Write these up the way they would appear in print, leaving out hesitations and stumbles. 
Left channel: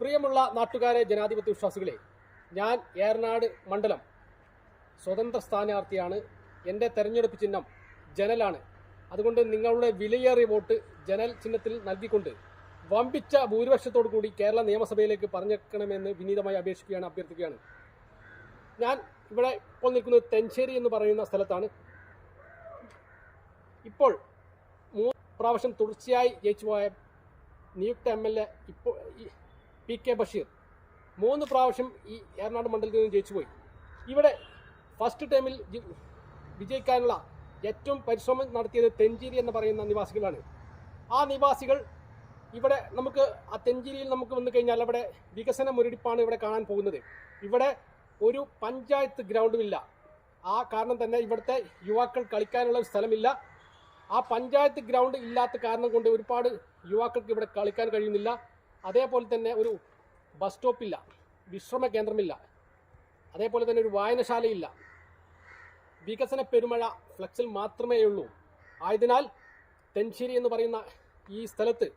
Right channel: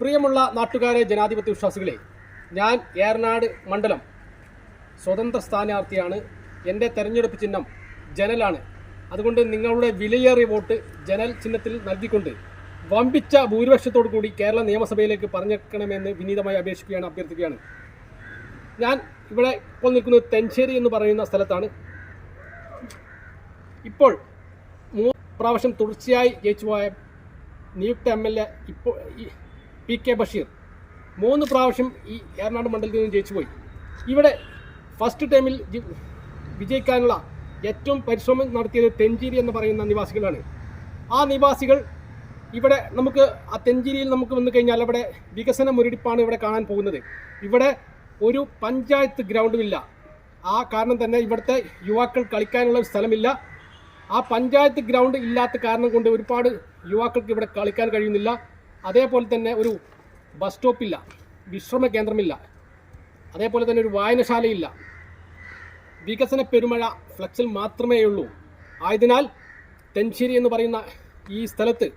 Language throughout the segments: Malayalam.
പ്രിയമുള്ള നാട്ടുകാരെ, ജനാധിപത്യ വിശ്വാസികളെ, ഞാൻ ഏറനാട് മണ്ഡലം സ്വതന്ത്ര സ്ഥാനാർത്ഥിയാണ്. എൻ്റെ തെരഞ്ഞെടുപ്പ് ചിഹ്നം ജനലാണ്. അതുകൊണ്ട് നിങ്ങളുടെ വിലയേറിയ വോട്ട് ജനൽ ചിഹ്നത്തിൽ നൽകിക്കൊണ്ട് വമ്പിച്ച ഭൂരിപക്ഷത്തോടു കൂടി കേരള നിയമസഭയിലേക്ക് പറഞ്ഞേക്കണമെന്ന് വിനീതമായി അഭ്യർത്ഥിക്കുകയാണ്. ഞാൻ ഇവിടെ ഇപ്പോൾ നിൽക്കുന്നത് തെഞ്ചേരി എന്ന് പറയുന്ന സ്ഥലത്താണ്. ഇപ്പോൾ 3 പ്രാവശ്യം തുടർച്ചയായി ജയിച്ചുപോയ നിയുക്ത MLA ഇപ്പോൾ PK ബഷീർ 3 പ്രാവശ്യം ഈ ഏറനാട് മണ്ഡലത്തിൽ നിന്ന് ജയിച്ചുപോയി. ഇവിടെ ഫസ്റ്റ് ടൈമിൽ വിജയിക്കാനുള്ള ഏറ്റവും പരിശ്രമം നടത്തിയത് തെഞ്ചേരി എന്ന് പറയുന്ന നിവാസികളാണ്. ആ നിവാസികൾ ഇവിടെ നമുക്ക് ആ തെഞ്ചേരിയിൽ നമുക്ക് വന്നു കഴിഞ്ഞാൽ അവിടെ വികസന മുരടിപ്പാണ് ഇവിടെ കാണാൻ പോകുന്നത്. ഇവിടെ ഒരു പഞ്ചായത്ത് ഗ്രൗണ്ടുമില്ല. ആ കാരണം തന്നെ ഇവിടുത്തെ യുവാക്കൾ കളിക്കാനുള്ള സ്ഥലമില്ല. ആ പഞ്ചായത്ത് ഗ്രൗണ്ട് ഇല്ലാത്ത കാരണം കൊണ്ട് ഒരുപാട് യുവാക്കൾക്ക് ഇവിടെ കളിക്കാൻ കഴിയുന്നില്ല. അതേപോലെ തന്നെ ഒരു ബസ് സ്റ്റോപ്പില്ല, വിശ്രമ കേന്ദ്രമില്ല, അതേപോലെ തന്നെ ഒരു വായനശാലയില്ല. വികസന പെരുമഴ ഫ്ലക്സിൽ മാത്രമേ ഉള്ളൂ. ആയതിനാൽ തെഞ്ചേരി എന്ന് പറയുന്ന ഈ സ്ഥലത്ത്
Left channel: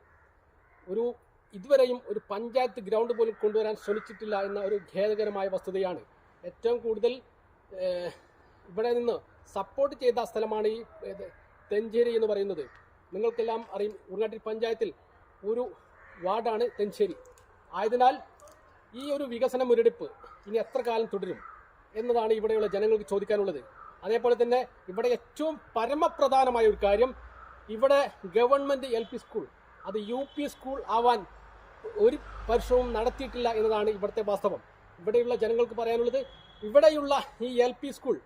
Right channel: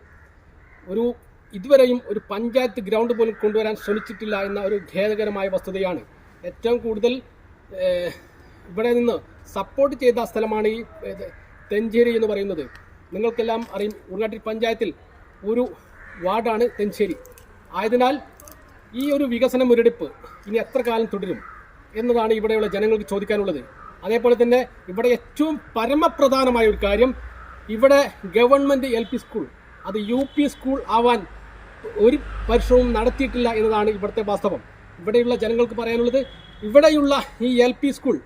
ഇതുവരെയും ഒരു പഞ്ചായത്ത് ഗ്രൗണ്ട് പോലും കൊണ്ടുവരാൻ ശ്രമിച്ചിട്ടില്ല എന്ന ഒരു ഖേദകരമായ വസ്തുതയാണ്. ഏറ്റവും കൂടുതൽ ഇവിടെ നിന്ന് സപ്പോർട്ട് ചെയ്ത സ്ഥലമാണ് ഈ തെഞ്ചേരി എന്ന് പറയുന്നത്. നിങ്ങൾക്കെല്ലാം അറിയും, ഉൾനാട്ടിൽ പഞ്ചായത്തിൽ ഒരു വാർഡാണ് തെഞ്ചേരി. ആയതിനാൽ ഈ ഒരു വികസന മുരടിപ്പ് ഇനി എത്ര കാലം തുടരും എന്നതാണ് ഇവിടെയുള്ള ജനങ്ങൾക്ക് ചോദിക്കാനുള്ളത്. അതേപോലെ തന്നെ ഇവിടെ ഏറ്റവും പരമപ്രധാനമായ ഒരു കാര്യം, ഇവിടെ ഗവൺമെൻറ് LP സ്കൂൾ അത് UP സ്കൂൾ ആവാൻ ഒരു പരിശ്രമവും നടത്തിയിട്ടില്ല എന്നതാണ് ഇവിടുത്തെ വാസ്തവം. ഇവിടെയുള്ള ജനങ്ങൾക്ക് പറയാനുള്ളത്, ഇവിടെയുള്ള ഈ LP സ്കൂൾ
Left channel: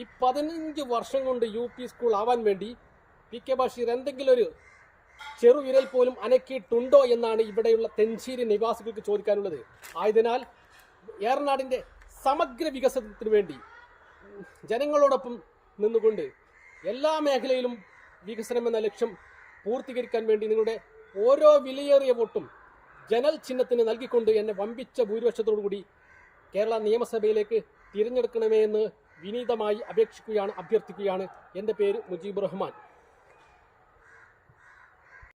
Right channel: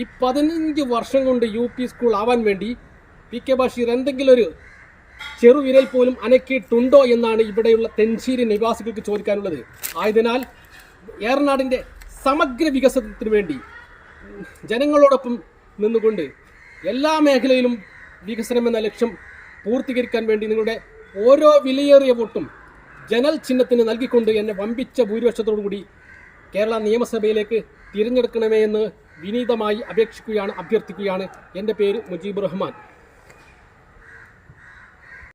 ഈ 15 വർഷം കൊണ്ട് UP സ്കൂൾ ആവാൻ വേണ്ടി PK ബഷീർ എന്തെങ്കിലും ഒരു ചെറുവിരൽ പോലും അനക്കിയിട്ടുണ്ടോ എന്നാണ് ഇവിടെയുള്ള തെഞ്ചേരി നിവാസികൾക്ക് ചോദിക്കാനുള്ളത്. ആയതിനാൽ ഏറനാടിൻ്റെ സമഗ്ര വികസനത്തിന് വേണ്ടി ജനങ്ങളോടൊപ്പം നിന്നുകൊണ്ട് എല്ലാ മേഖലയിലും വികസനമെന്ന ലക്ഷ്യം പൂർത്തീകരിക്കാൻ വേണ്ടി നിങ്ങളുടെ ഓരോ വിലയേറിയ വോട്ടും ജനൽ ചിഹ്നത്തിന് നൽകിക്കൊണ്ട് എന്നെ വമ്പിച്ച ഭൂരിപക്ഷത്തോടു കൂടി കേരള നിയമസഭയിലേക്ക് തിരഞ്ഞെടുക്കണമേ എന്ന് വിനീതമായി അഭ്യർത്ഥിക്കുകയാണ്. എൻ്റെ പേര് മുജീബ് റഹ്മാൻ.